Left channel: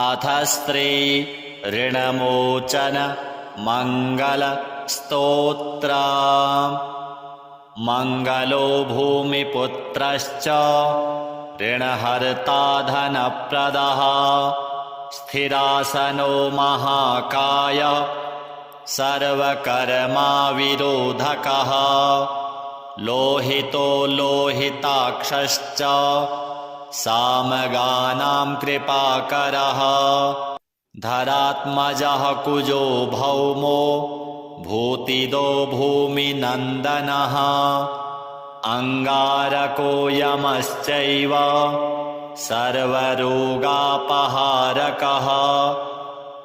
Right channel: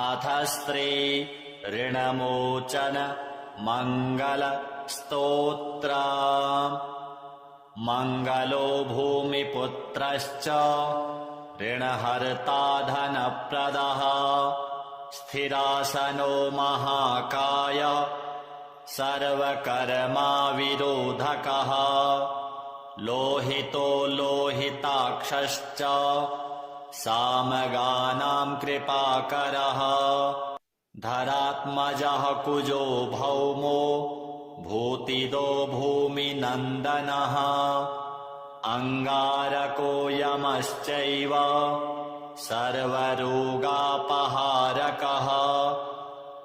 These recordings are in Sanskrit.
अथ स्त्री ऋणमोचन मंगल स्तोत्र। मंगलो भूमिपुत्रश्च ऋणहर्ता धनप्रदः स्थिरासनो महाकाय सर्वकर्माविरोधकः लोहितो लोहिताक्षश्च सामगानां कृपाकरः धरात्मजः कुजो भौमो भूतिदो भूमिनन्दनः अंगारको यमश्चैव सर्वरोगापहारकः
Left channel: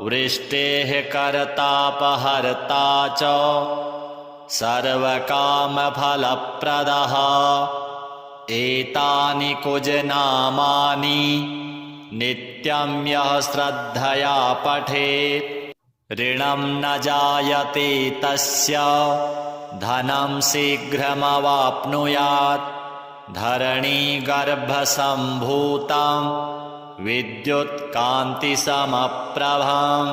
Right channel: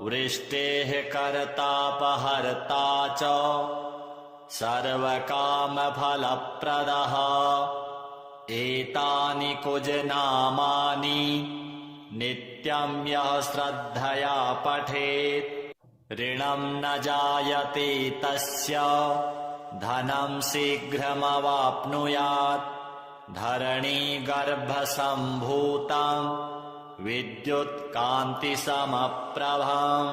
वृष्टेः कर्तापहर्ता च सर्वकामफलप्रदः एतानि कुजनामानि नित्यं यः श्रद्धया पठेत् ऋणं न जायते तस्य धनं शीघ्रमवाप्नुयात् धरणीगर्भसम्भूतं विद्युत्कान्तिसमप्रभं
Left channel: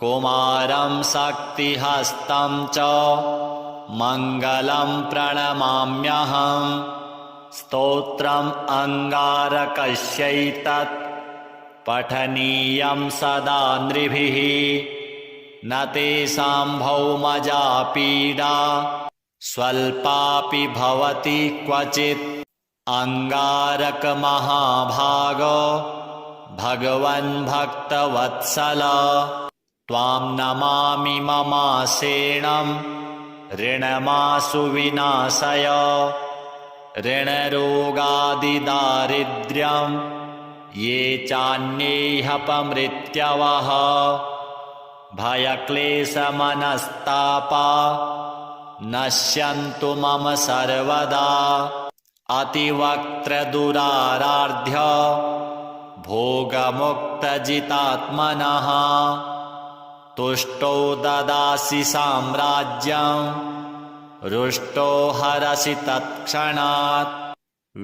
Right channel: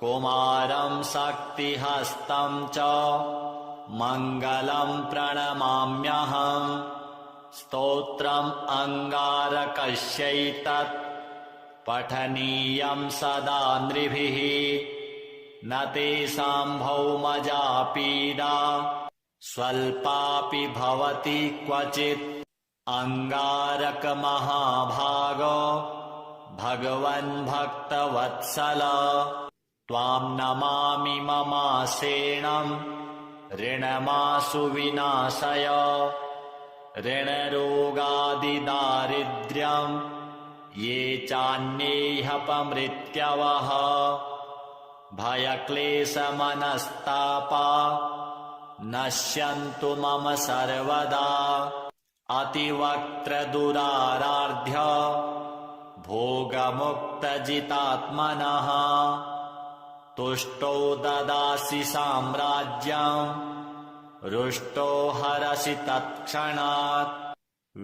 कुमारं शक्तिहस्तं च मङ्गलं प्रणमाम्यहम् स्तोत्रम् अंगारकस्यैतत् पठनीयं सदा नृभिः न तेषां भौमजा पीडा स्वल्पापि भवति क्वचित् अंगारक महाभागो भगवन् भक्तवत्सल त्वां नमामि ममासेनं ऋणमासु विनाशय ऋणरोगादिदारिद्र्यं ये चान्येह्यपमृत्यवः भयक्लेशमनस्तापा नश्यन्तु मम सर्वदा अतिवक्त्रदुराराध्य भोगमुक्तजितात्मनः तुष्टो ददासि साम्राज्यं रुष्टो हरसि तत्क्षणात्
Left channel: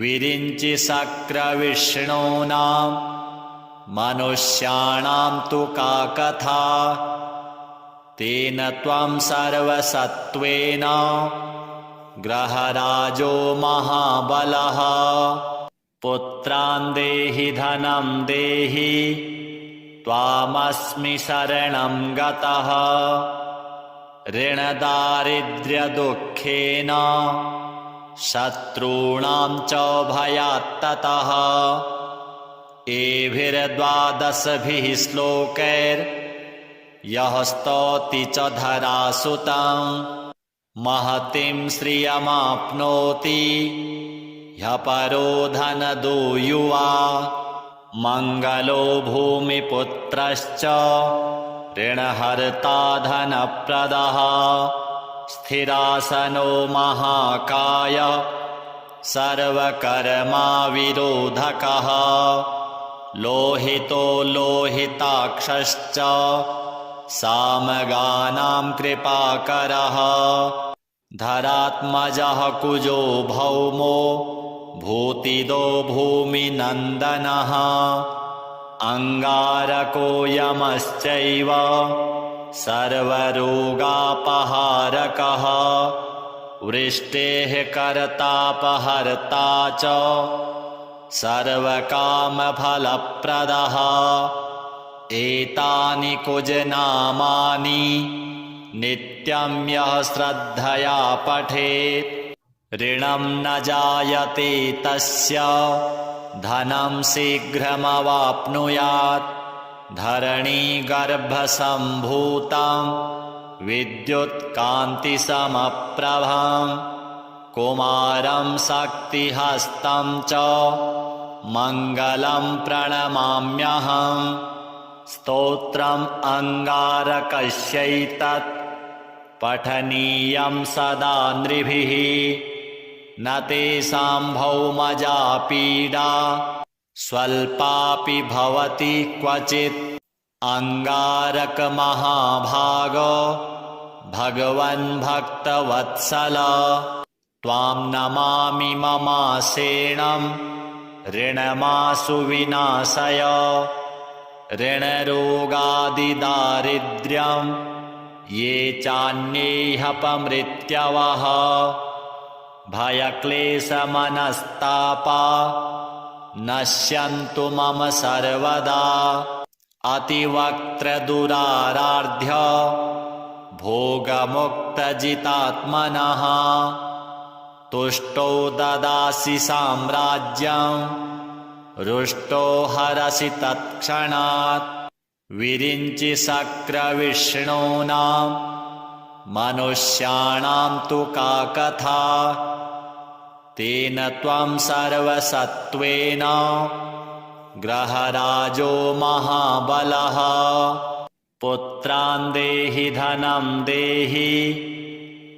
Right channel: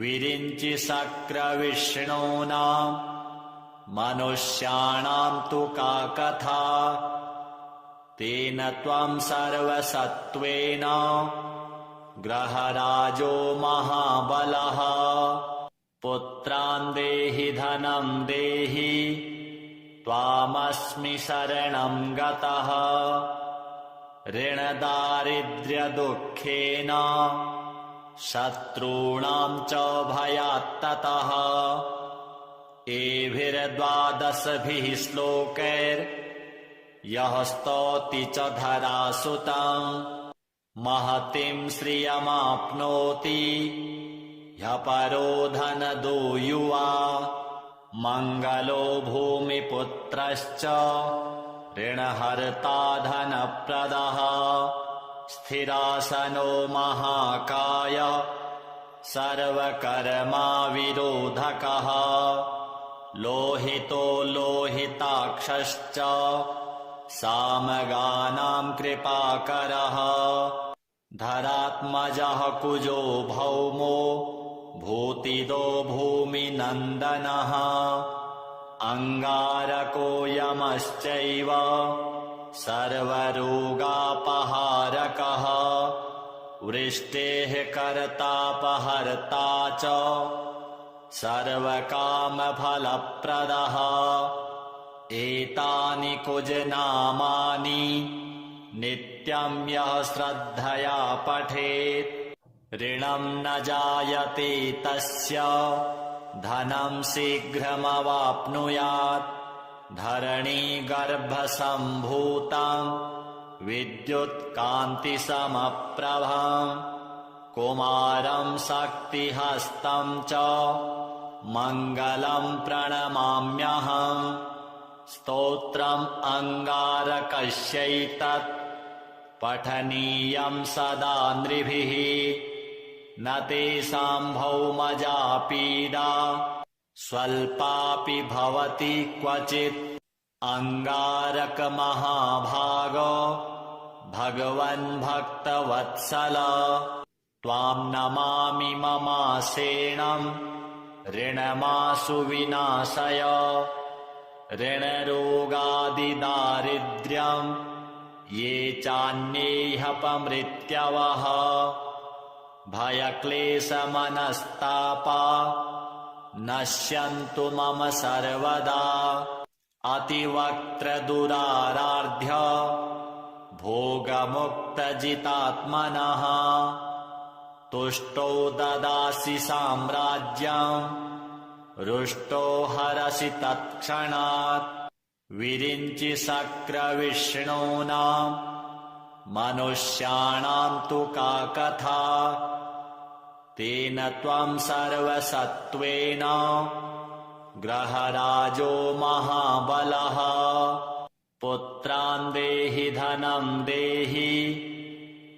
विरिञ्चि शक्रविष्णूनां मनुष्याणां तु का कथा तेन त्वं सर्वसत्त्वेन ग्रहराजो महाबलः पुत्रान् देहि धनं देहि त्वामस्मि शरणं गतः ऋणदारिद्र्यदुःखेन शत्रूणां च भयात्ततः एभिर्द्वादशभिः श्लोकैर्यः स्तौति च धरासुतं महतीं श्रियमाप्नोति ह्यः परो धनदो युवा मंगलो भूमिपुत्रश्च ऋणहर्ता धनप्रदः स्थिरासनो महाकाय सर्वकर्माविरोधकः लोहितो लोहिताक्षश्च सामगानां कृपाकरः धरात्मजः कुजो भौमो भूतिदो भूमिनन्दनः अंगारको यमश्चैव सर्वरोगापहारकः वृष्टेः कर्तापहर्ता च सर्वकामफलप्रदः एतानि कुजनामानि नित्यं यः श्रद्धया पठेत् ऋणं न जायते तस्य धनं शीघ्रमवाप्नुयात् धरणीगर्भसम्भूतं विद्युत्कान्तिसमप्रभं कुमारं शक्तिहस्तं च मङ्गलं प्रणमाम्यहम् स्तोत्रम् अंगारकस्यैतत् पठनीयं सदा नृभिः न तेषां भौमजा पीडा स्वल्पापि भवति क्वचित् अंगारक महाभागो भगवन् भक्तवत्सल त्वां नमामि ममासेनं ऋणमासु विनाशय ऋणरोगादिदारिद्र्यं ये चान्येऽपमृत्यवः भयक्लेशमनस्तापा नश्यन्तु मम सर्वदा अतिवक्त्रदुराराध्य भोगमुक्तजितात्मनः तुष्टो ददासि साम्राज्यं रुष्टो हरसि तत्क्षणात् विरिञ्चि शक्रविष्णूनां मनुष्याणां तु का कथा तेन त्वं सर्वसत्त्वेन ग्रहराजो महाबलः पुत्रान् देहि धनं देहि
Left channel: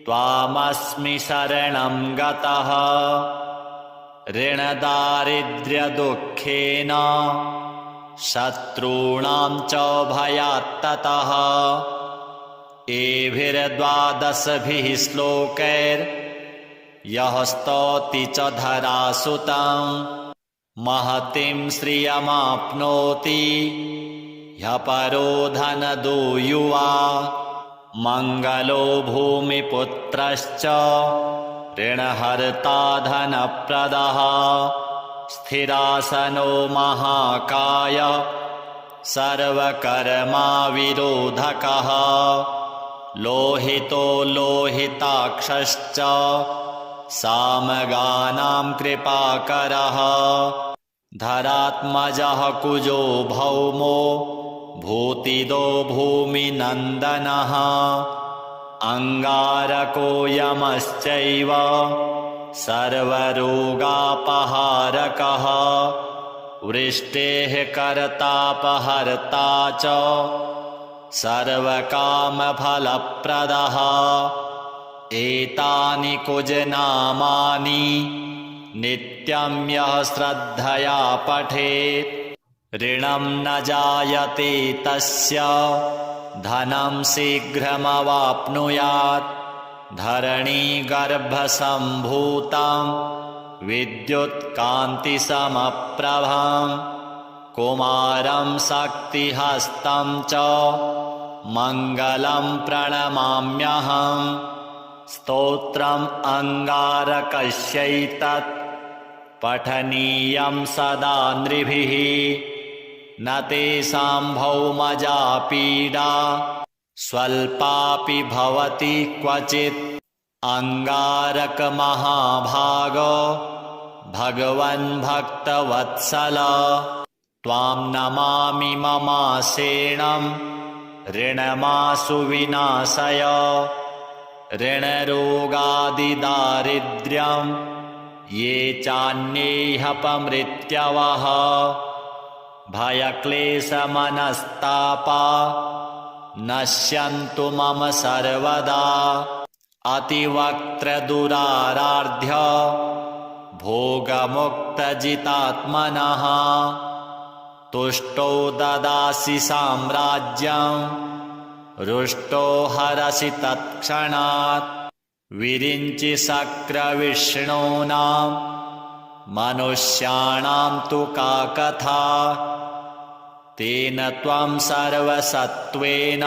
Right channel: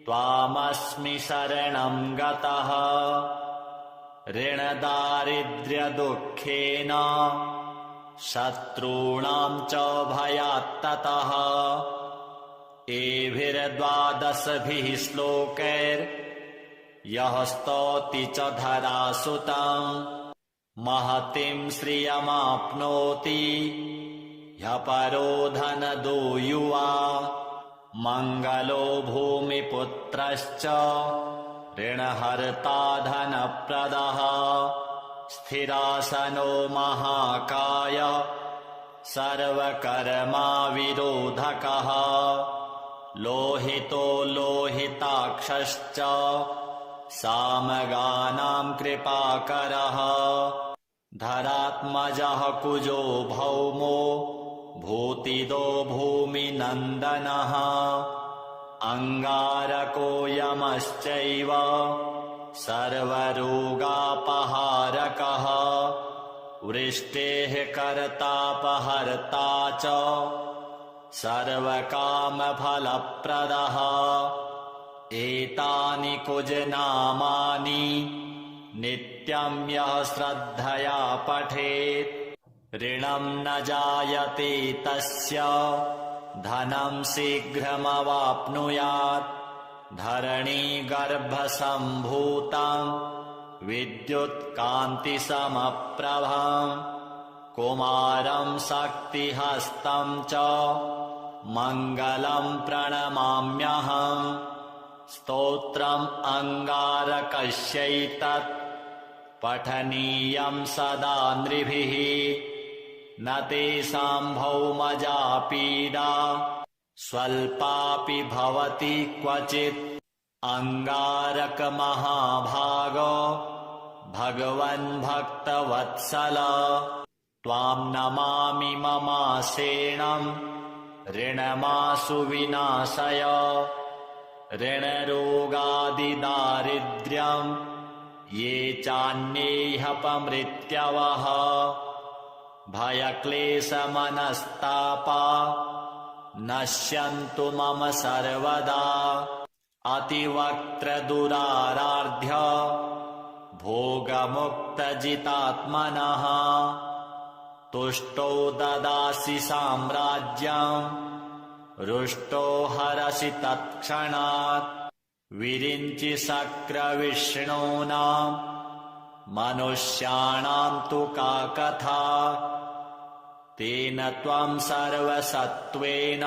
त्वामस्मि शरणं गतः ऋणदारिद्र्यदुःखेन शत्रूणां च भयात्ततः एभिर्द्वादशभिः श्लोकैर्यः स्तौति च धरासुतं महतीं श्रियमाप्नोति ह्यः परो धनदो युवा मङ्गलो भूमिपुत्रश्च ऋणहर्ता धनप्रदः स्थिरासनो महाकाय सर्वकर्माविरोधकः लोहितो लोहिताक्षश्च सामगानां कृपाकरः धरात्मजः कुजो भौमो भूतिदो भूमिनन्दनः अङ्गारको यमश्चैव सर्वरोगापहारकः वृष्टेः कर्तापहर्ता च सर्वकामफलप्रदः एतानि कुजनामानि नित्यं यः श्रद्धया पठेत् ऋणं न जायते तस्य धनं शीघ्रमवाप्नुयात् धरणीगर्भसम्भूतं विद्युत्कान्तिसमप्रभं कुमारं शक्तिहस्तं च मङ्गलं प्रणमाम्यहम् स्तोत्रम् अङ्गारकस्यैतत् पठनीयं सदा नृभिः न तेषां भौमजा पीडा स्वल्पापि भवति क्वचित् अङ्गारकमहाभागो भगवन् भक्तवत्सल त्वां नमामि ममासेनं ऋणमासु विनाशय ऋणरोगादिदारिद्र्यं ये चान्येऽपमृत्यवः भयक्लेशमनस्तापा नश्यन्तु मम सर्वदा अतिवक्त्रदुराराध्य भोगमुक्तजितात्मनः तुष्टो ददासि साम्राज्यं रुष्टो हरसि तत्क्षणात् विरिञ्चि शक्रविष्णूनां मनुष्याणां तु का कथा तेन त्वं सर्वसत्त्वेन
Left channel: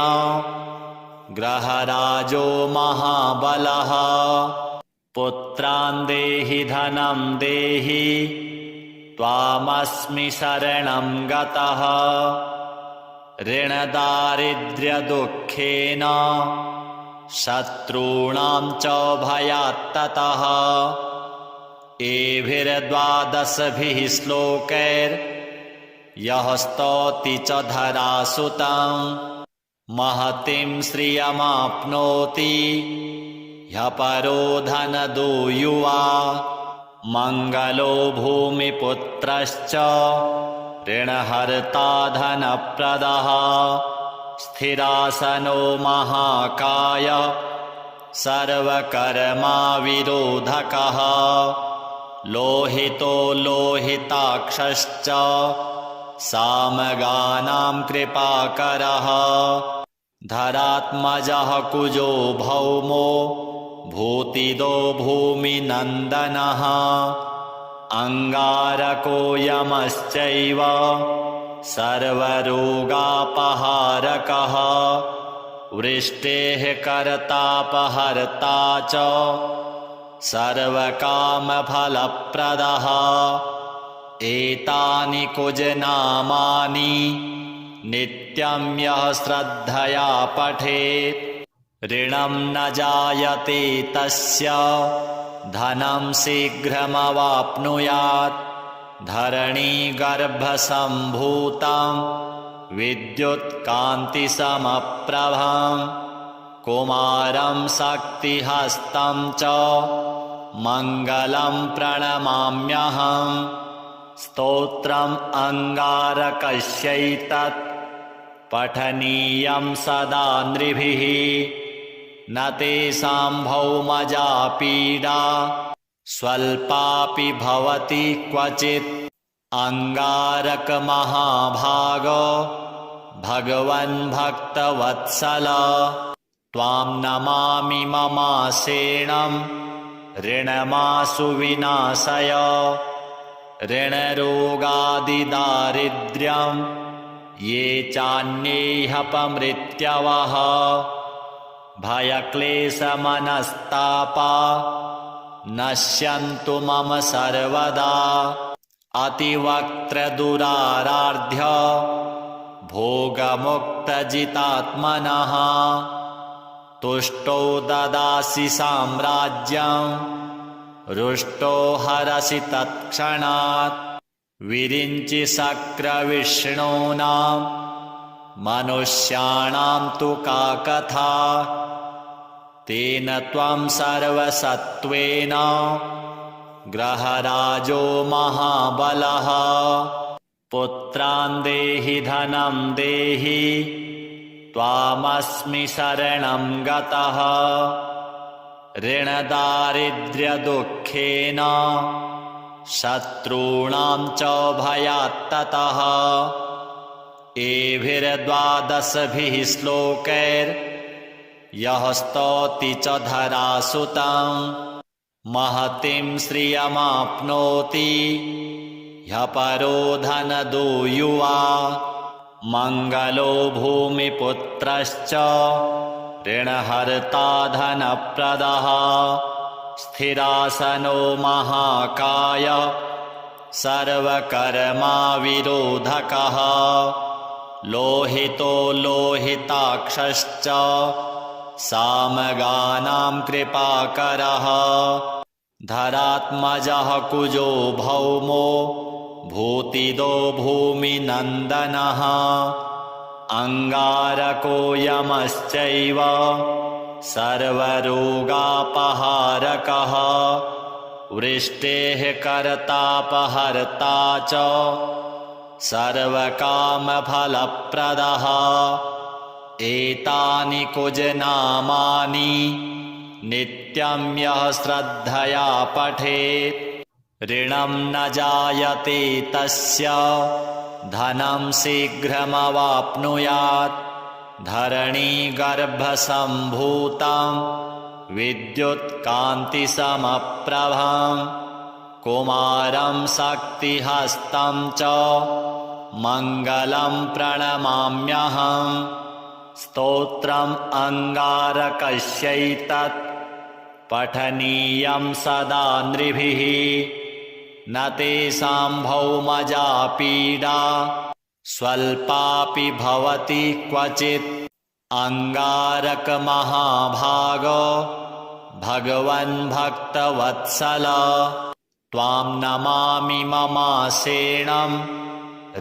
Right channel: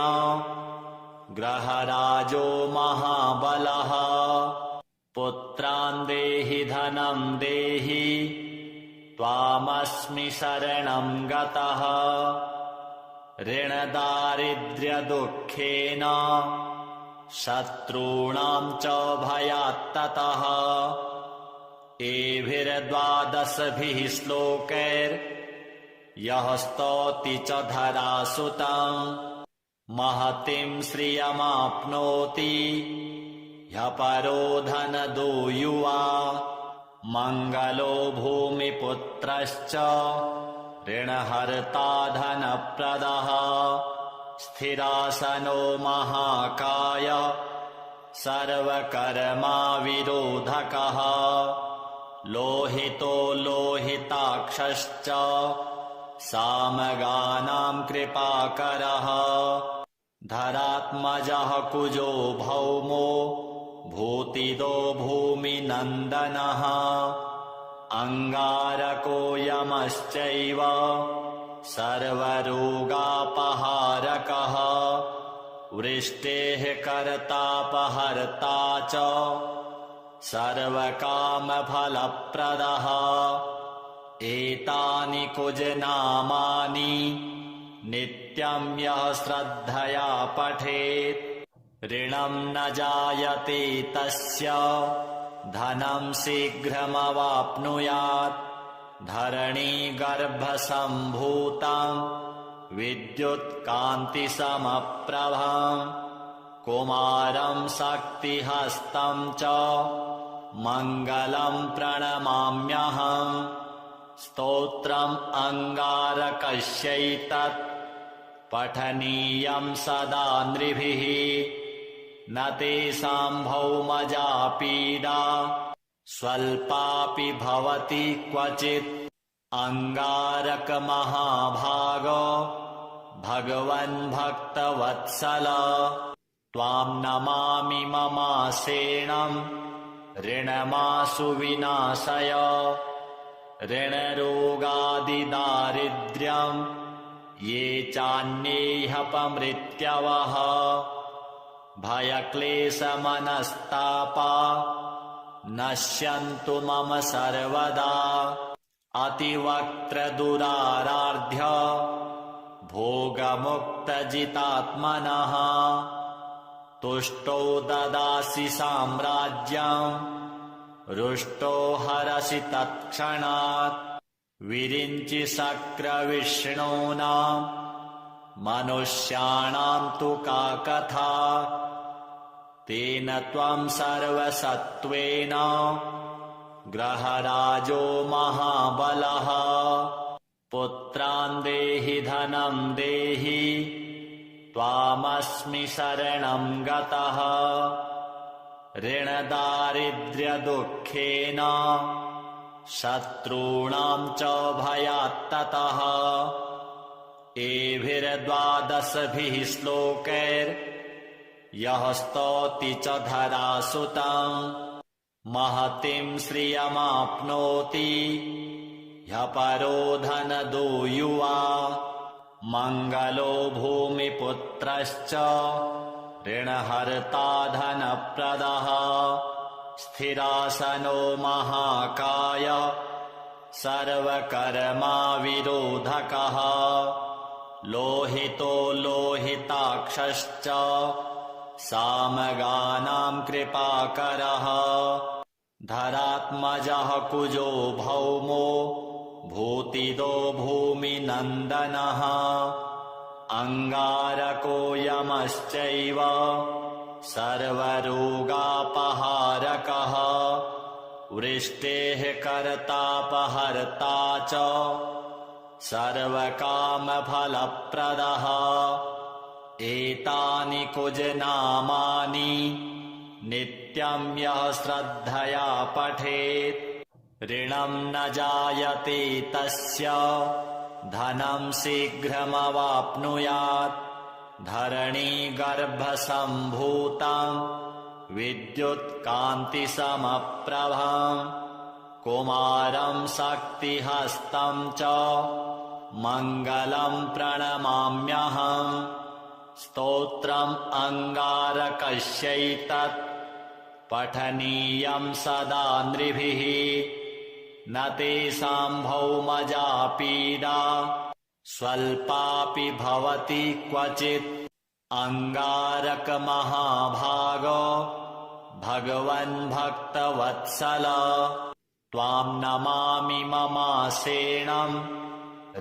ग्रहराजो महाबलः पुत्रान् देहि धनं देहि त्वामस्मि शरणं गतः ऋणदारिद्र्यदुःखेन शत्रूणां च भयात्ततः एभिर्द्वादशभिः श्लोकैर्यः स्तौति च धरासुतं महतीं श्रियमाप्नोति ह्यः परो धनदो युवा मङ्गलो भूमिपुत्रश्च ऋणहर्ता धनप्रदः स्थिरासनो महाकाय सर्वकर्माविरोधकः लोहितो लोहिताक्षश्च सामगानां कृपाकरः धरात्मजः कुजो भौमो भूतिदो भूमिनन्दनः अङ्गारको यमश्चैव सर्वरोगापहारकः वृष्टेः कर्तापहर्ता च सर्वकामफलप्रदः एतानि कुजनामानि नित्यं यः श्रद्धया पठेत् ऋणं न जायते तस्य धनं शीघ्रमवाप्नुयात् धरणीगर्भसम्भूतं विद्युत्कान्तिसमप्रभं कुमारं शक्तिहस्तं च मङ्गलं प्रणमाम्यहम् स्तोत्रम् अङ्गारकस्यैतत् पठनीयं सदा नृभिः न तेषां भौमजा पीडा स्वल्पापि भवति क्वचित् अङ्गारकमहाभागो भगवन् भक्तवत्सल त्वां नमामि ममासेणं ऋणमाशु विनाशय ऋणरोगादिदारिद्र्यं ये चान्येऽपमृत्यवः भयक्लेशमनस्तापा नश्यन्तु मम सर्वदा अतिवक्त्रदुराराध्य भोगमुक्तजितात्मनः तुष्टो ददासि साम्राज्यं रुष्टो हरसि तत्क्षणात् विरिञ्चि शक्रविष्णूनां मनुष्याणां तु का कथा तेन त्वं सर्वसत्त्वेन ग्रहराजो महाबलः पुत्रान् देहि धनं देहि त्वामस्मि शरणं गतः ऋणदारिद्र्यदुःखेन शत्रूणां च भयात्ततः एभिर्द्वादशभिः श्लोकैर्यः स्तौति च धरासुतं महतीं श्रियमाप्नोति ह्यः परो धनदो युवा मङ्गलो भूमिपुत्रश्च ऋणहर्ता धनप्रदः स्थिरासनो महाकाय सर्वकर्मा विरोधकः लोहितो लोहिताक्षश्च सामगानां कृपाकरः धरात्मजः कुजो भौमो भूतिदो भूमिनन्दनः अङ्गारको यमश्चैव सर्वरोगापहारकः वृष्टेः कर्तापहर्ता च सर्वकामफलप्रदः एतानि कुजनामानि नित्यं यः श्रद्धया पठेत् ऋणं न जायते तस्य धनं शीघ्रमवाप्नुयात् धरणीगर्भसम्भूतं विद्युत्कान्तिसमप्रभं कुमारं शक्तिहस्तं च मङ्गलं प्रणमाम्यहम् स्तोत्रम् अङ्गारकस्यैतत् पठनीयं सदा नृभिः न तेषां भौमजा पीडा स्वल्पापि भवति क्वचित् अङ्गारकमहाभागो भगवन् भक्तवत्सल त्वां नमामि ममासेणं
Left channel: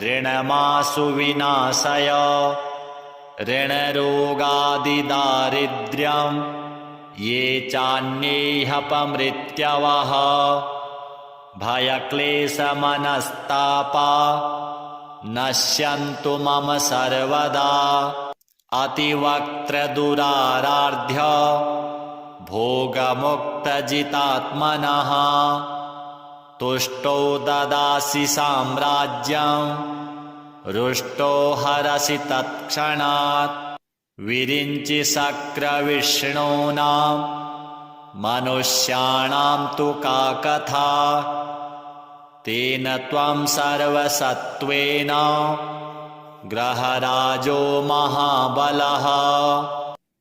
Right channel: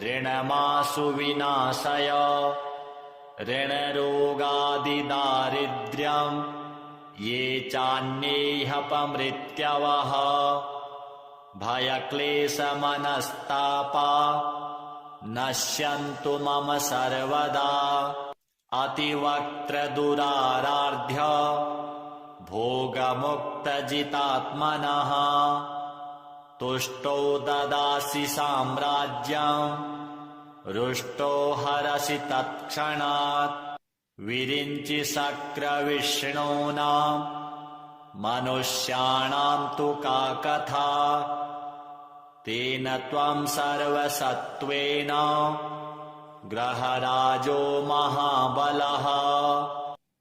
ऋणमाशु विनाशय ऋणरोगादिदारिद्र्यं ये चान्येऽपमृत्यवः भयक्लेशमनस्तापा नश्यन्तु मम सर्वदा अतिवक्त्रदुराराध्य भोगमुक्तजितात्मनः तुष्टो ददासि साम्राज्यं रुष्टो हरसि तत्क्षणात् विरिञ्चि शक्रविष्णूनां मनुष्याणां तु का कथा तेन त्वं सर्वसत्त्वेन ग्रहराजो महाबलः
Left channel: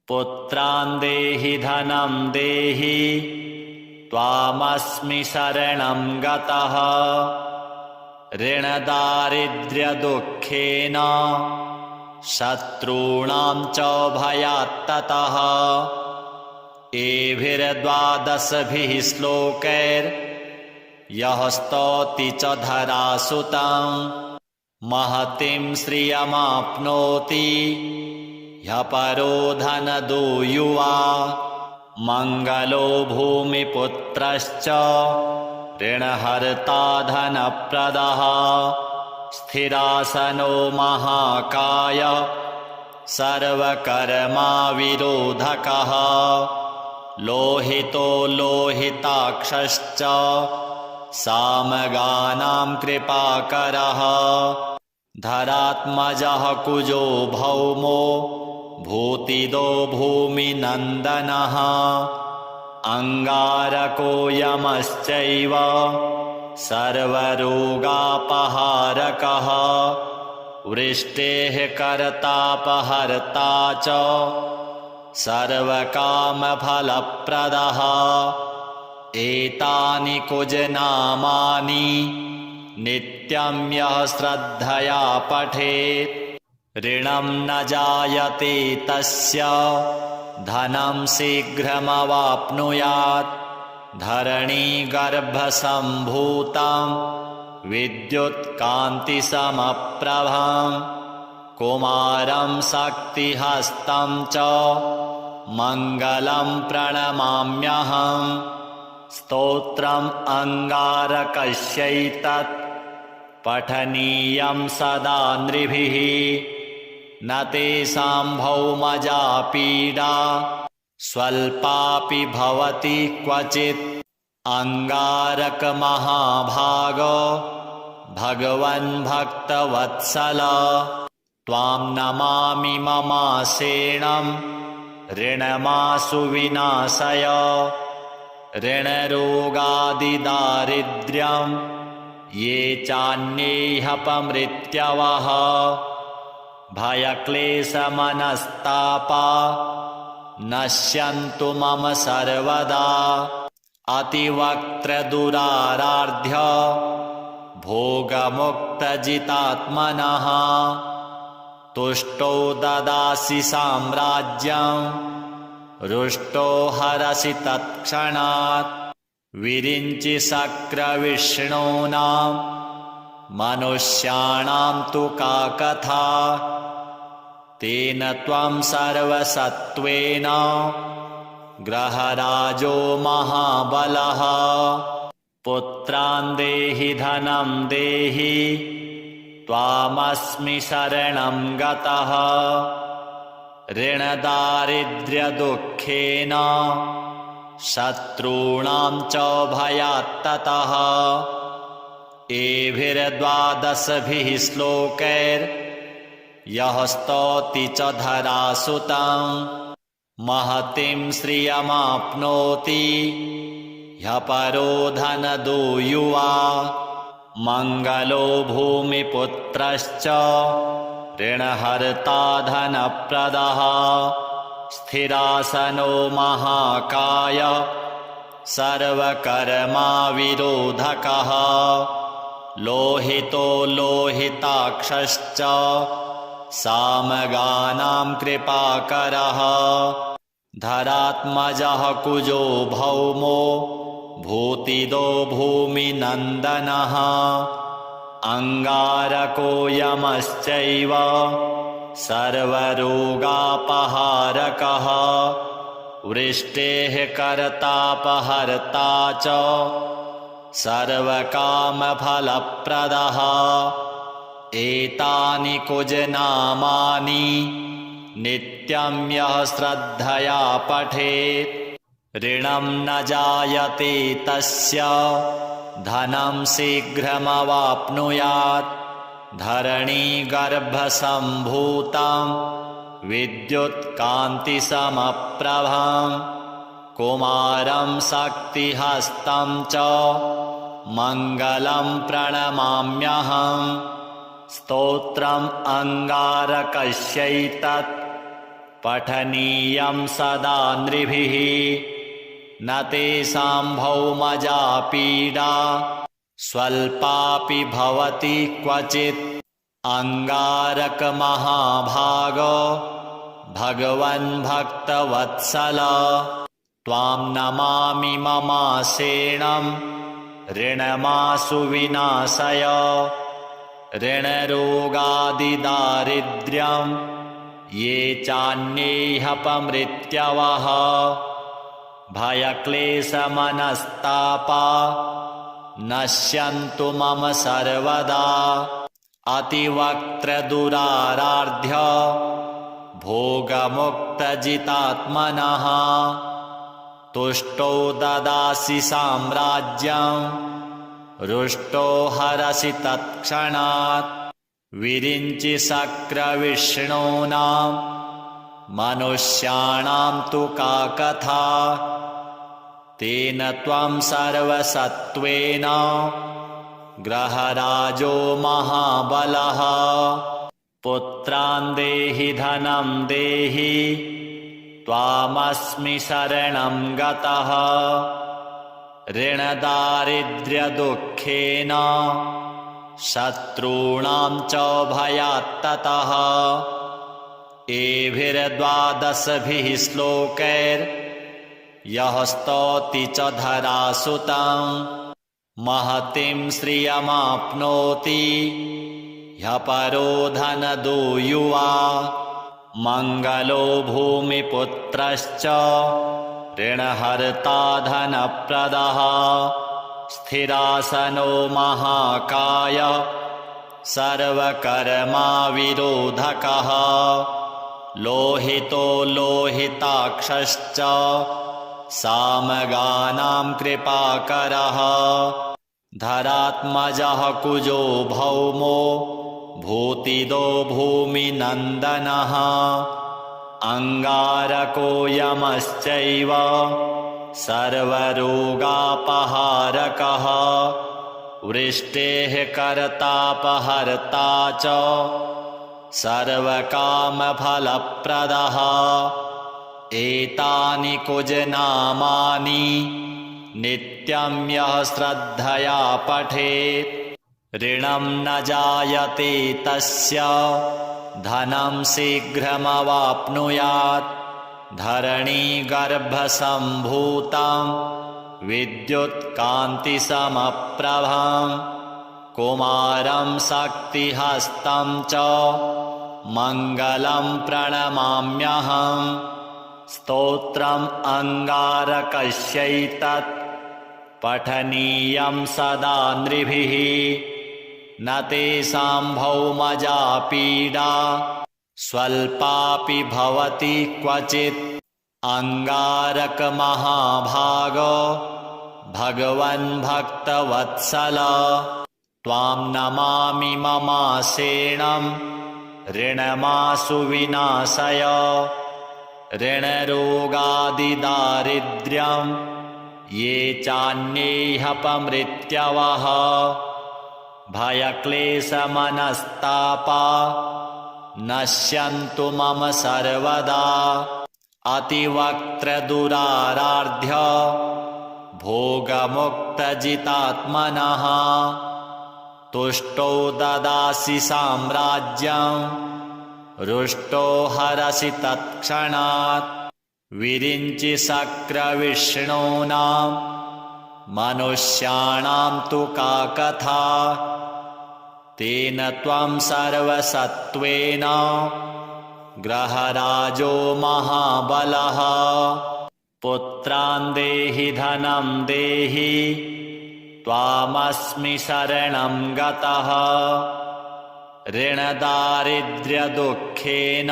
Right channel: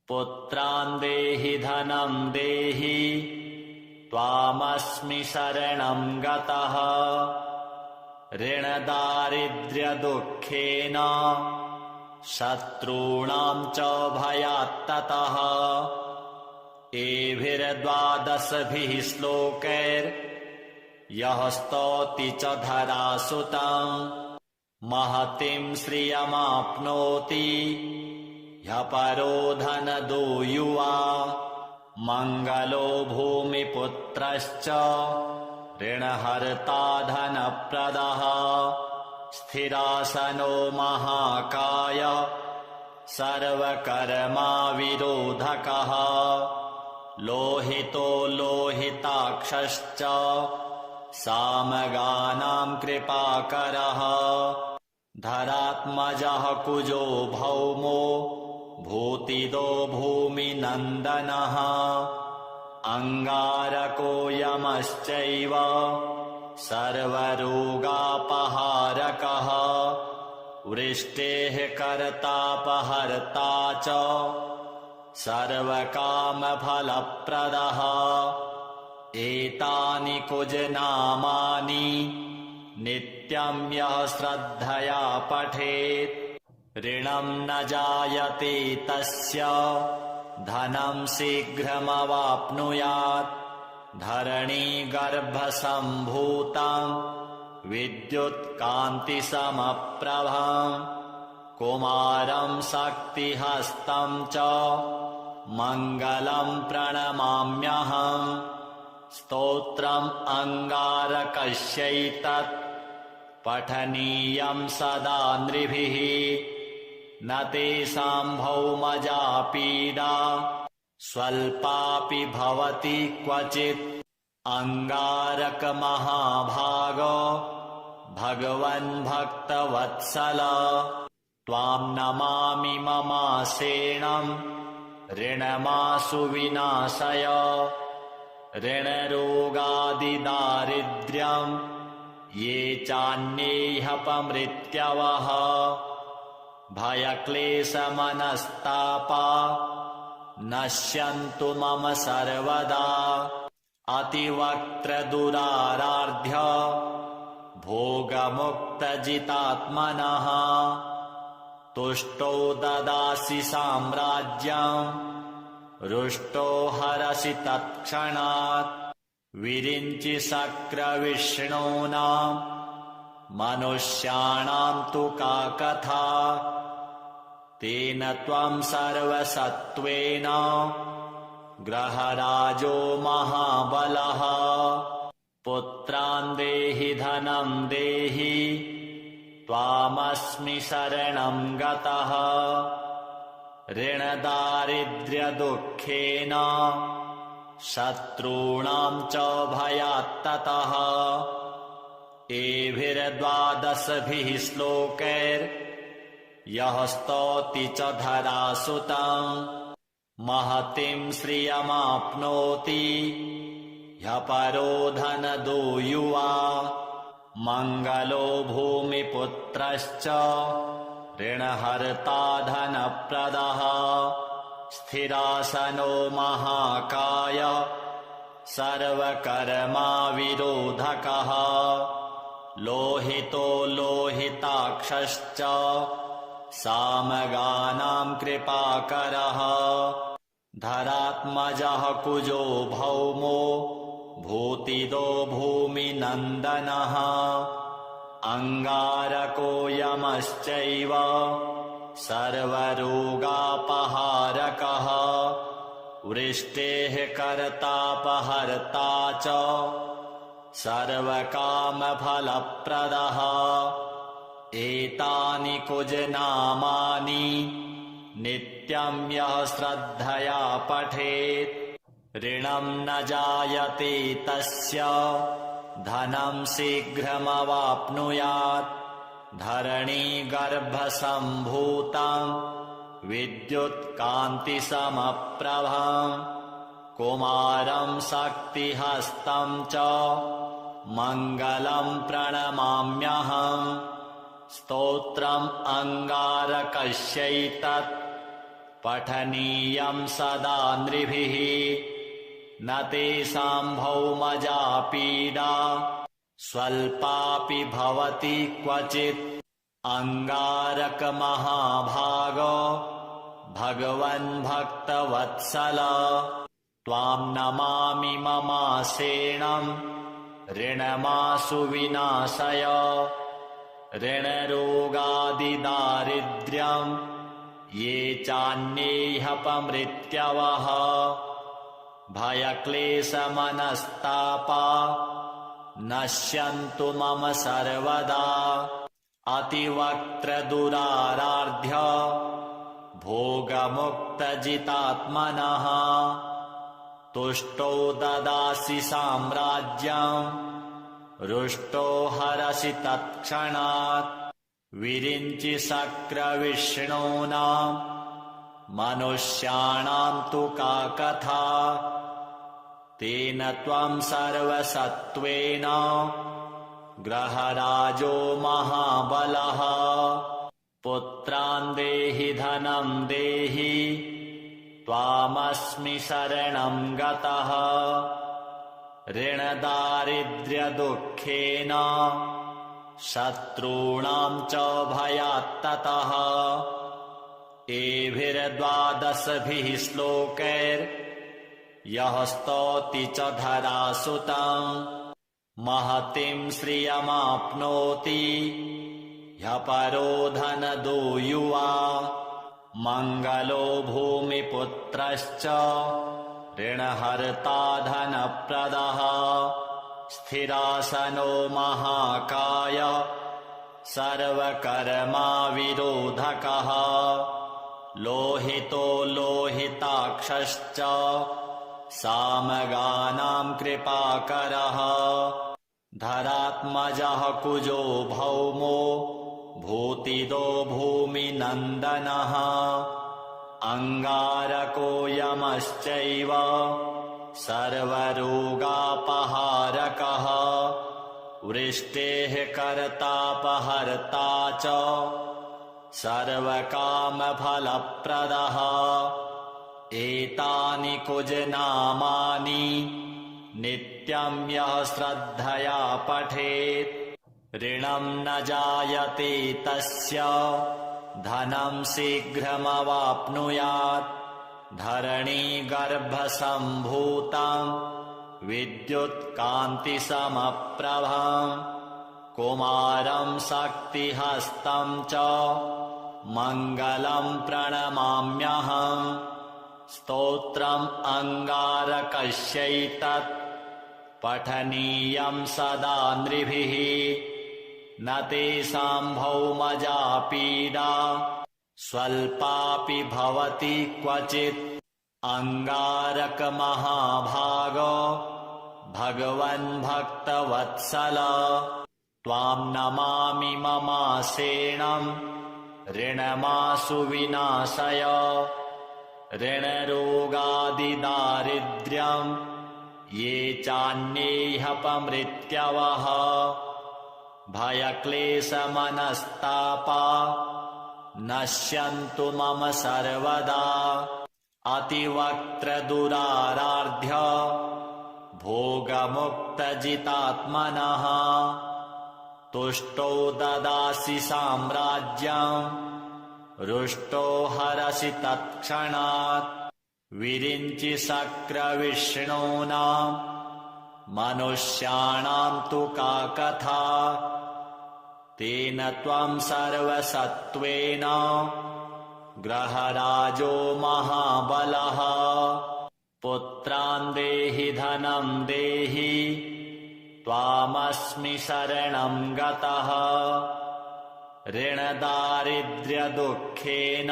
पुत्रान् देहि धनं देहि त्वामस्मि शरणं गतः ऋणदारिद्र्यदुःखेन शत्रूणां च भयात्ततः एभिर्द्वादशभिः श्लोकैर्यः स्तौति च धरासुतं महतीं श्रियमाप्नोति ह्यः परो धनदो युवा मङ्गलो भूमिपुत्रश्च ऋणहर्ता धनप्रदः स्थिरासनो महाकाय सर्वकर्माविरोधकः लोहितो लोहिताक्षश्च सामगानां कृपाकरः धरात्मजः कुजो भौमो भूतिदो भूमिनन्दनः अङ्गारको यमश्चैव सर्वरोगापहारकः वृष्टेः कर्तापहर्ता च सर्वकामफलप्रदः एतानि कुजनामानि नित्यं यः श्रद्धया पठेत् ऋणं न जायते तस्य धनं शीघ्रमवाप्नुयात् धरणीगर्भसम्भूतं विद्युत्कान्तिसमप्रभं कुमारं शक्तिहस्तं च मङ्गलं प्रणमाम्यहम् स्तोत्रम् अङ्गारकस्यैतत् पठनीयं सदा नृभिः न तेषां भौमजा पीडा स्वल्पापि भवति क्वचित् अङ्गारकमहाभाग भगवन् भक्तवत्सल त्वां नमामि ममासेनं ऋणमाशु विनाशय ऋणरोगादिदारिद्र्यं ये चान्येह्यपमृत्यवः भयक्लेशमनस्तापा नश्यन्तु मम सर्वदा अतिवक्त्रदुराराध्य भोगमुक्तजितात्मनः तुष्टो ददासि साम्राज्यं रुष्टो हरसि तत्क्षणात् विरिञ्चि शक्रविष्णूनां मनुष्याणां तु का कथा तेन त्वं सर्वसत्त्वेन ग्रहराजो महाबलः पुत्रान् देहि धनं देहि त्वामस्मि शरणं गतः ऋणदारिद्र्यदुःखेन शत्रूणां च भयात्ततः एभिर्द्वादशभिः श्लोकैर्यः स्तौति च धरासुतं महतीं श्रियमाप्नोति ह्यः परो धनदो युवा मङ्गलो भूमिपुत्रश्च ऋणहर्ता धनप्रदः स्थिरासनो महाकाय सर्वकर्माविरोधकः लोहितो लोहिताक्षश्च सामगानां कृपाकरः धरात्मजः कुजो भौमो भूतिदो भूमिनन्दनः अङ्गारको यमश्चैव सर्वरोगापहारकः वृष्टेः कर्तापहर्ता च सर्वकामफलप्रदः एतानि कुजनामानि नित्यं यः श्रद्धया पठेत् ऋणं न जायते तस्य धनं शीघ्रमवाप्नुयात् धरणीगर्भसम्भूतं विद्युत्कान्तिसमप्रभं कुमारं शक्तिहस्तं च मङ्गलं प्रणमाम्यहम् स्तोत्रम् अङ्गारकस्यैतत् पठनीयं सदा नृभिः न तेषां भौमजा पीडा स्वल्पापि भवति क्वचित् अङ्गारकमहाभाग भगवन् भक्तवत्सल त्वां नमामि ममासेणं ऋणमासु विनाशय ऋणरोगादिदारिद्र्यं ये चान्येऽपमृत्यवः भयक्लेशमनस्तापा नश्यन्तु मम सर्वदा अतिवक्त्रदुराराध्य भोगमुक्तजितात्मनः तुष्टो ददासि साम्राज्यं रुष्टो हरसि तत्क्षणात् विरिञ्चि शक्रविष्णूनां मनुष्याणां तु का कथा तेन त्वं सर्वसत्त्वेन ग्रहराजो महाबलः पुत्रान् देहि धनं देहि त्वामस्मि शरणं गतः ऋणदारिद्र्यदुःखेन शत्रूणां च भयात्ततः एभिर्द्वादशभिः श्लोकैर्यः स्तौति च धरासुतं महतीं श्रियमाप्नोति ह्यः परो धनदो युवा मङ्गलो भूमिपुत्रश्च ऋणहर्ता धनप्रदः स्थिरासनो महाकाय सर्वकर्माविरोधकः लोहितो लोहिताक्षश्च सामगानां कृपाकरः धरात्मजः कुजो भौमो भूतिदो भूमिनन्दनः अङ्गारको यमश्चैव सर्वरोगापहारकः वृष्टेः कर्तापहर्ता च सर्वकामफलप्रदः एतानि कुजनामानि नित्यं यः श्रद्धया पठेत् ऋणं न जायते तस्य धनं शीघ्रमवाप्नुयात् धरणीगर्भसम्भूतं विद्युत्कान्तिसमप्रभं कुमारं शक्तिहस्तं च मङ्गलं प्रणमाम्यहम् स्तोत्रम् अङ्गारकस्यैतत् पठनीयं सदा नृभिः न तेषां भौमजा पीडा स्वल्पापि भवति क्वचित् अङ्गारकमहाभाग भगवन् भक्तवत्सल त्वां नमामि ममासेणं ऋणमासु विनाशय ऋणरोगादिदारिद्र्यं ये चान्येऽपमृत्यवः भयक्लेशमनस्तापा नश्यन्तु मम सर्वदा अतिवक्त्रदुराराध्य भोगमुक्तजितात्मनः तुष्टो ददासि साम्राज्यं रुष्टो हरसि तत्क्षणात् विरिञ्चि शक्रविष्णूनां मनुष्याणां तु का कथा तेन त्वं सर्वसत्त्वेन ग्रहराजो महाबलः पुत्रान् देहि धनं देहि त्वामस्मि शरणं गतः ऋणदारिद्र्यदुःखेन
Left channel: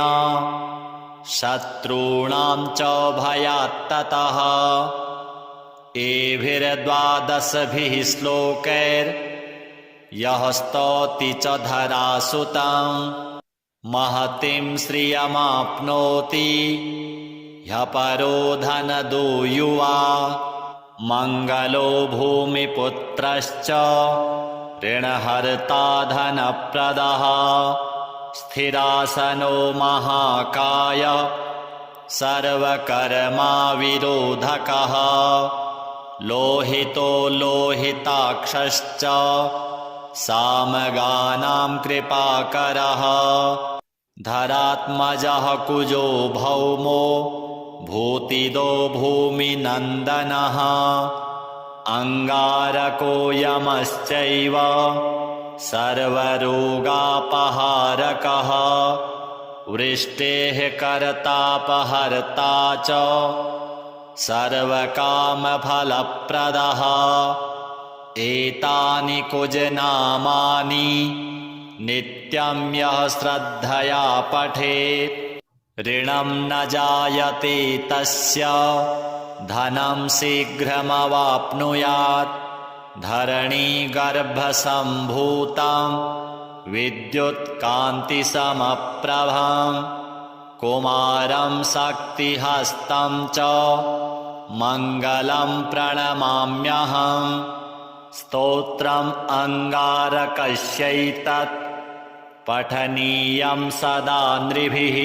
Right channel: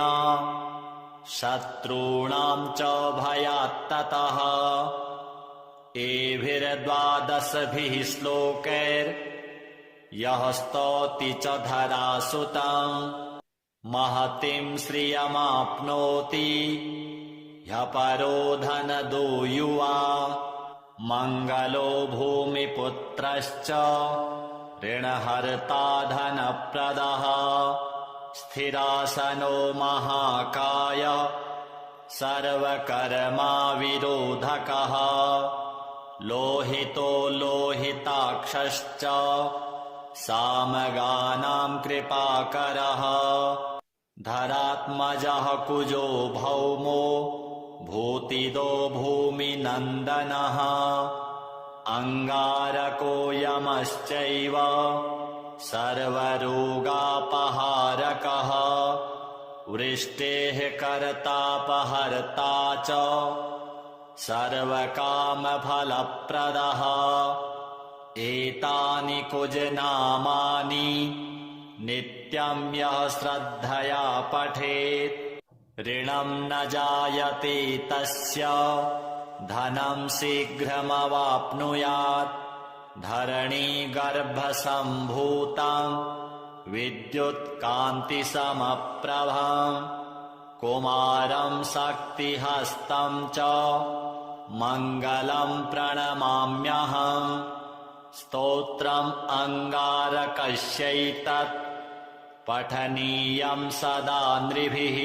शत्रूणां च भयात्ततः एभिर्द्वादशभिः श्लोकैर्यः स्तौति च धरासुतं महतीं श्रियमाप्नोति ह्यः परो धनदो युवा मङ्गलो भूमिपुत्रश्च ऋणहर्ता धनप्रदः स्थिरासनो महाकाय सर्वकर्मा विरोधकः लोहितो लोहिताक्षश्च सामगानां कृपाकरः धरात्मजः कुजो भौमो भूतिदो भूमिनन्दनः अंगारको यमश्चैव सर्वरोगापहारकः वृष्टेः कर्तापहर्ता च सर्वकामफलप्रदः एतानि कुजनामानि नित्यं यः श्रद्धया पठेत् ऋणं न जायते तस्य धनं शीघ्रमवाप्नुयात् धरणीगर्भसम्भूतं विद्युत्कान्तिसमप्रभं कुमारं शक्तिहस्तं च मङ्गलं प्रणमाम्यहम् स्तोत्रम् अङ्गारकस्यैतत् पठनीयं सदा नृभिः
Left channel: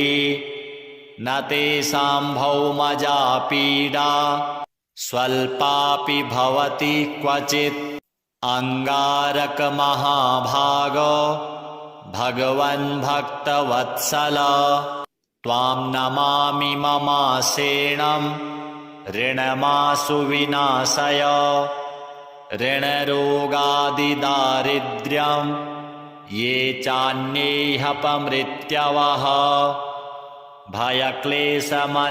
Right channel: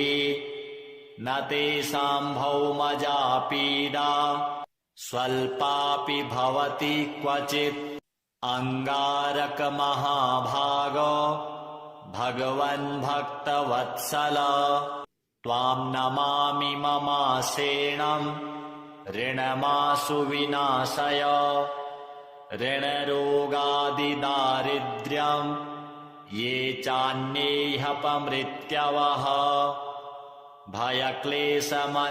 न तेषां भौमजा पीडा स्वल्पापि भवति क्वचित् अङ्गारकमहाभागो भगवन् भक्तवत्सल त्वां नमामि ममासेनं ऋणमाशु विनाशय ऋणरोगादिदारिद्र्यं ये चान्येऽपमृत्यवः भयक्लेशमनस्तापा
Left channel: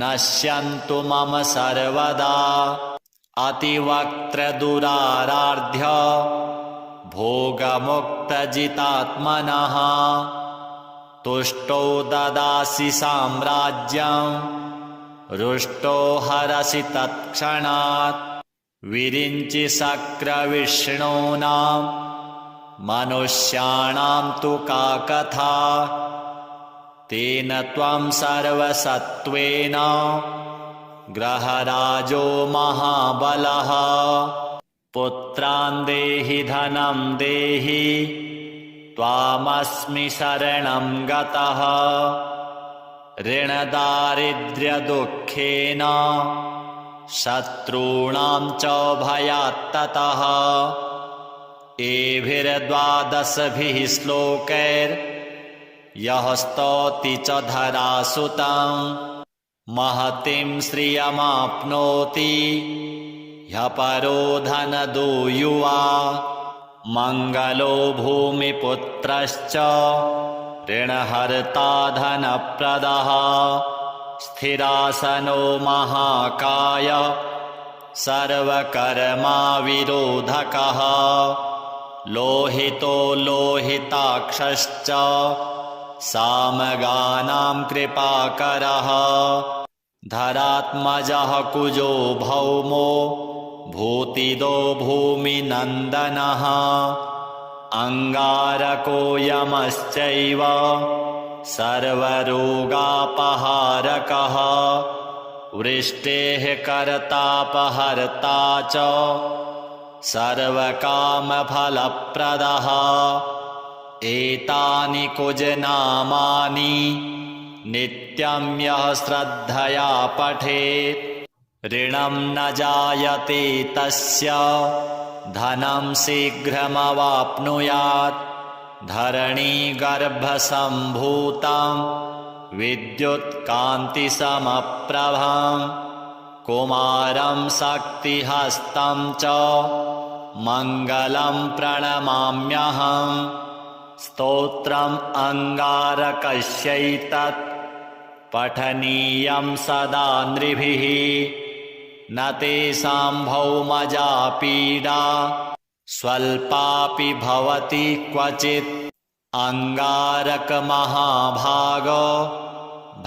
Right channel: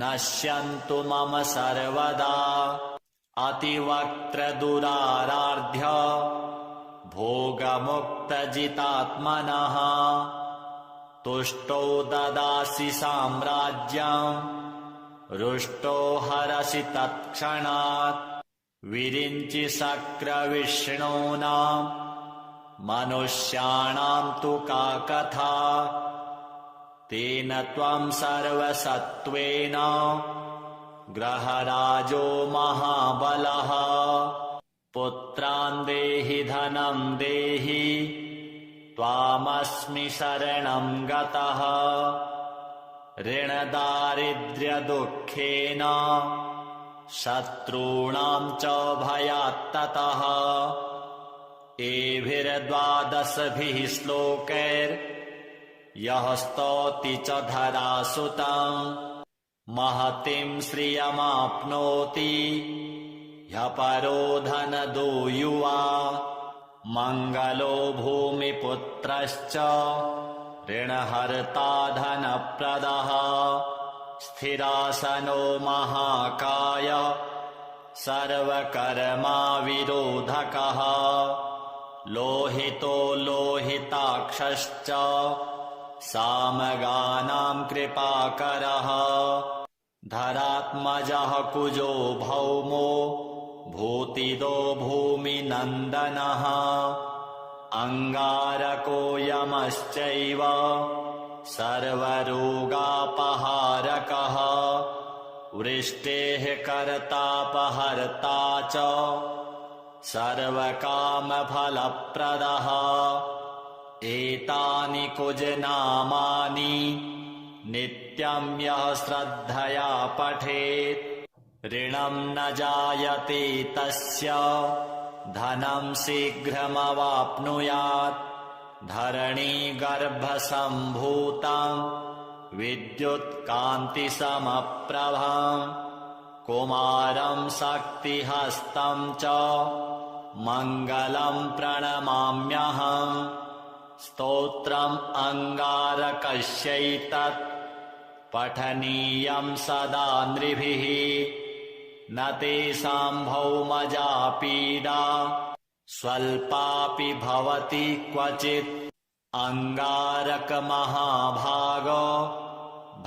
नश्यन्तु मम सर्वदा अतिवक्त्रदुराराध्य भोगमुक्तजितात्मनः तुष्टो ददासि साम्राज्यं रुष्टो हरसि तत्क्षणात् विरिञ्चि शक्रविष्णूनां मनुष्याणां तु का कथा तेन त्वं सर्वसत्त्वेन ग्रहराजो महाबलः पुत्रान् देहि धनं देहि त्वामस्मि शरणं गतः ऋणदारिद्र्यदुःखेन शत्रूणां च भयात्ततः एभिर्द्वादशभिः श्लोकैर्यः स्तौति च धरासुतं महतीं श्रियमाप्नोति ह्यः परो धनदो युवा मङ्गलो भूमिपुत्रश्च ऋणहर्ता धनप्रदः स्थिरासनो महाकाय सर्वकर्मा विरोधकः लोहितो लोहिताक्षश्च सामगानां कृपाकरः धरात्मजः कुजो भौमो भूतिदो भूमिनन्दनः अंगारको यमश्चैव सर्वरोगापहारकः वृष्टेः कर्तापहर्ता च सर्वकामफलप्रदः एतानि कुजनामानि नित्यं यः श्रद्धया पठेत् ऋणं न जायते तस्य धनं शीघ्रमवाप्नुयात् धरणीगर्भसम्भूतं विद्युत्कान्तिसमप्रभं कुमारं शक्तिहस्तं च मङ्गलं प्रणमाम्यहम् स्तोत्रम् अङ्गारकस्यैतत् पठनीयं सदा नृभिः न तेषां भौमजा पीडा स्वल्पापि भवति क्वचित् अंगारकमहाभागो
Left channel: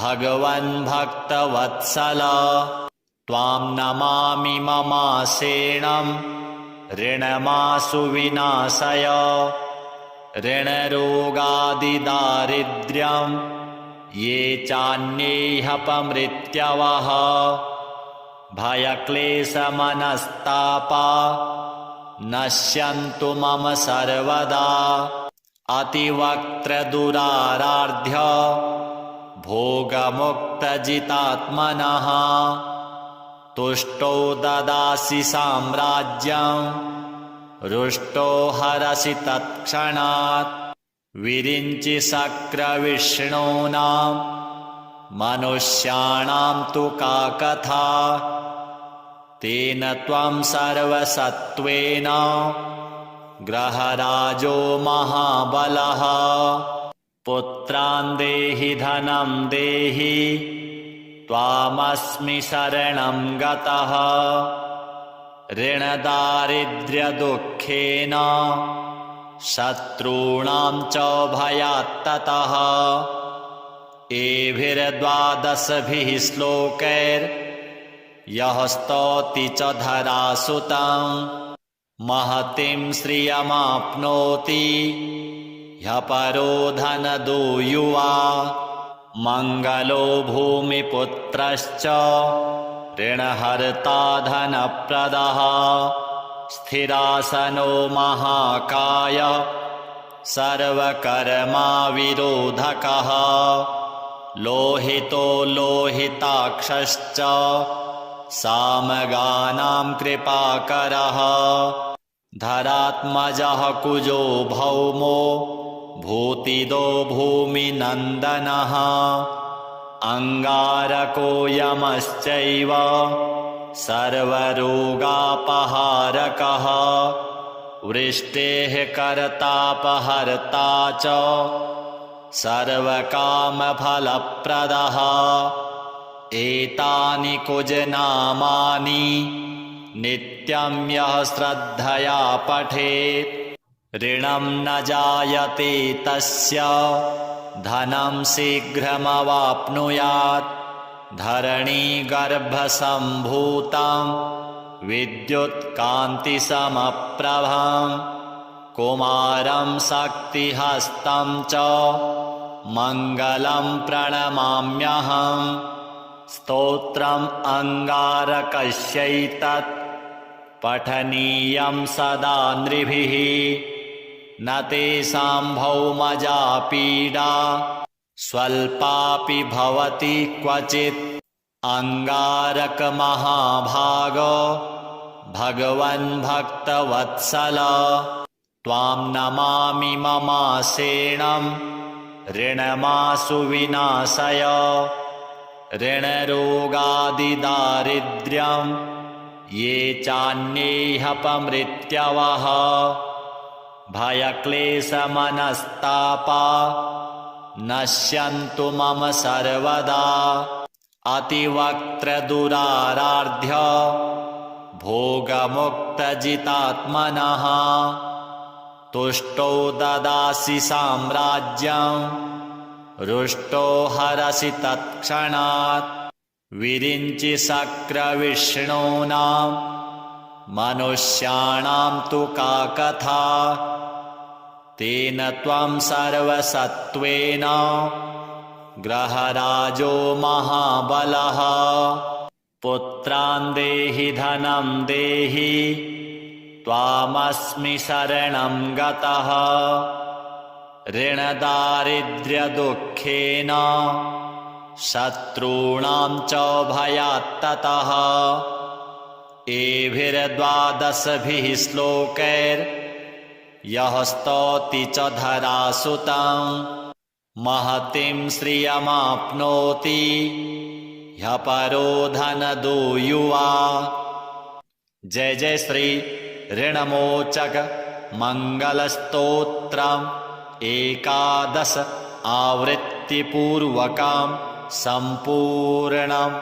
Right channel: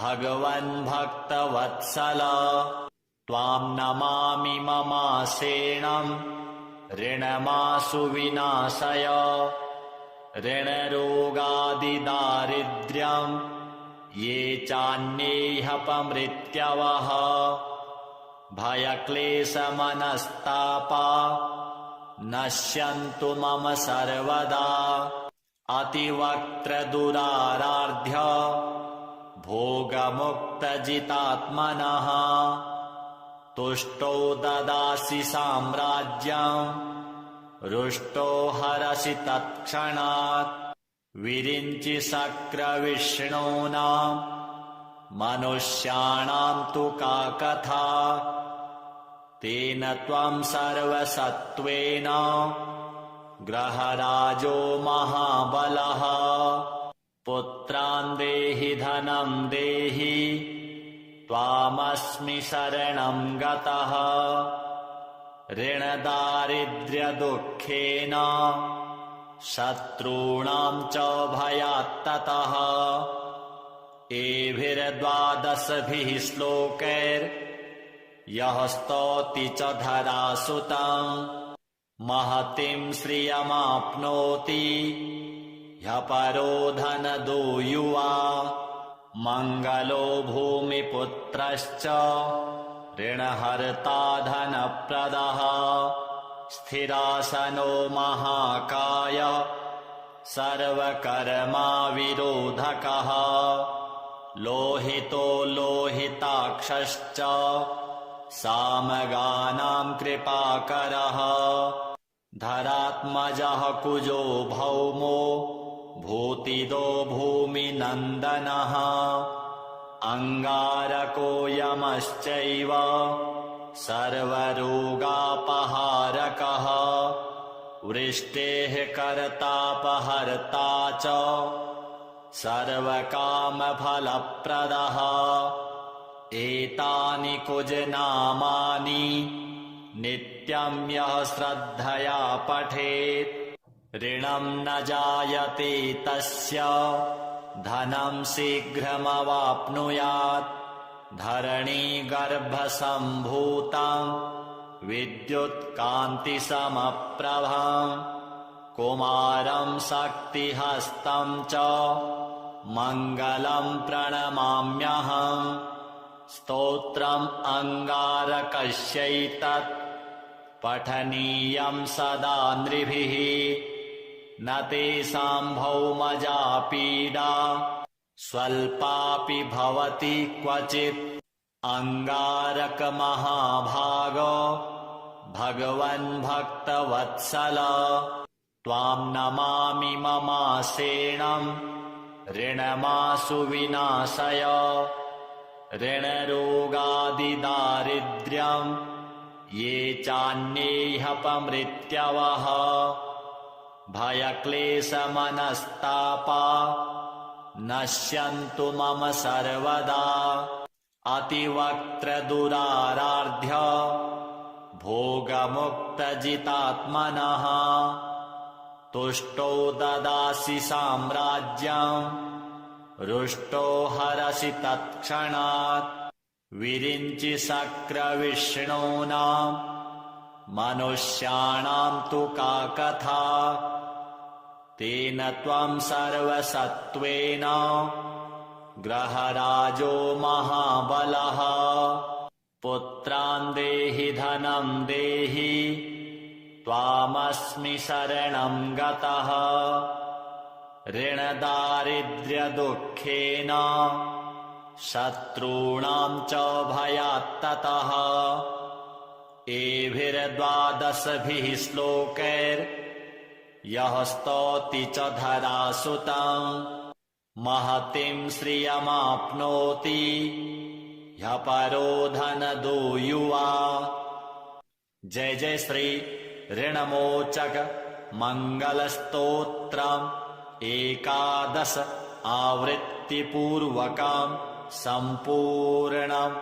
भगवन् भक्तवत्सल त्वां नमामि ममासेनं ऋणमाशु विनाशय ऋणरोगादिदारिद्र्यं ये चान्येऽपमृत्यवः भयक्लेशमनस्तापा नश्यन्तु मम सर्वदा अतिवक्त्रदुराराध्य भोगमुक्तजितात्मनः तुष्टो ददासि साम्राज्यं रुष्टो हरसि तत्क्षणात् विरिञ्चि शक्रविष्णूनां मनुष्याणां तु का कथा तेन त्वं सर्वसत्त्वेन ग्रहराजो महाबलः पुत्रान् देहि धनं देहि त्वामस्मि शरणं गतः ऋणदारिद्र्यदुःखेन शत्रूणां च भयात्ततः एभिर्द्वादशभिः श्लोकैर्यः स्तौति च धरासुतं महतीं श्रियमाप्नोति ह्यः परो धनदो युवा मङ्गलो भूमिपुत्रश्च ऋणहर्ता धनप्रदः स्थिरासनो महाकाय सर्वकर्माविरोधकः लोहितो लोहिताक्षश्च सामगानां कृपाकरः धरात्मजः कुजो भौमो भूतिदो भूमिनन्दनः अङ्गारको यमश्चैव सर्वरोगापहारकः वृष्टेः कर्तापहर्ता च सर्वकामफलप्रदः एतानि कुजनामानि नित्यं यः श्रद्धया पठेत् ऋणं न जायते तस्य धनं शीघ्रमवाप्नुयात् धरणीगर्भसम्भूतं विद्युत्कान्तिसमप्रभं कुमारं शक्तिहस्तं च मङ्गलं प्रणमाम्यहम् स्तोत्रम् अङ्गारकस्यैतत् पठनीयं सदा नृभिः न तेषां भौमजा पीडा स्वल्पापि भवति क्वचित् अङ्गारकमहाभागो भगवन् भक्तवत्सल त्वां नमामि ममासेनं ऋणमासु विनाशय ऋणरोगादिदारिद्र्यं ये चान्येऽपमृत्यवः भयक्लेशमनस्तापा नश्यन्तु मम सर्वदा अतिवक्त्रदुराराध्य भोगमुक्तजितात्मनः तुष्टो ददासि साम्राज्यं रुष्टो हरसि तत्क्षणात् विरिञ्चि शक्रविष्णूनां मनुष्याणां तु का कथा तेन त्वं सर्वसत्त्वेन ग्रहराजो महाबलः पुत्रान् देहि धनं देहि त्वामस्मि शरणं गतः ऋणदारिद्र्यदुःखेन शत्रूणां च भयात्ततः एभिर्द्वादशभिः श्लोकैर्यः स्तौति च धरासुतं महतीं श्रियमाप्नोति ह्यः परो धनदो युवा। जय जय श्री ऋणमोचक मंगलस्तोत्रम् 11 आवृत्तिपूर्वकं सम्पूर्णम्।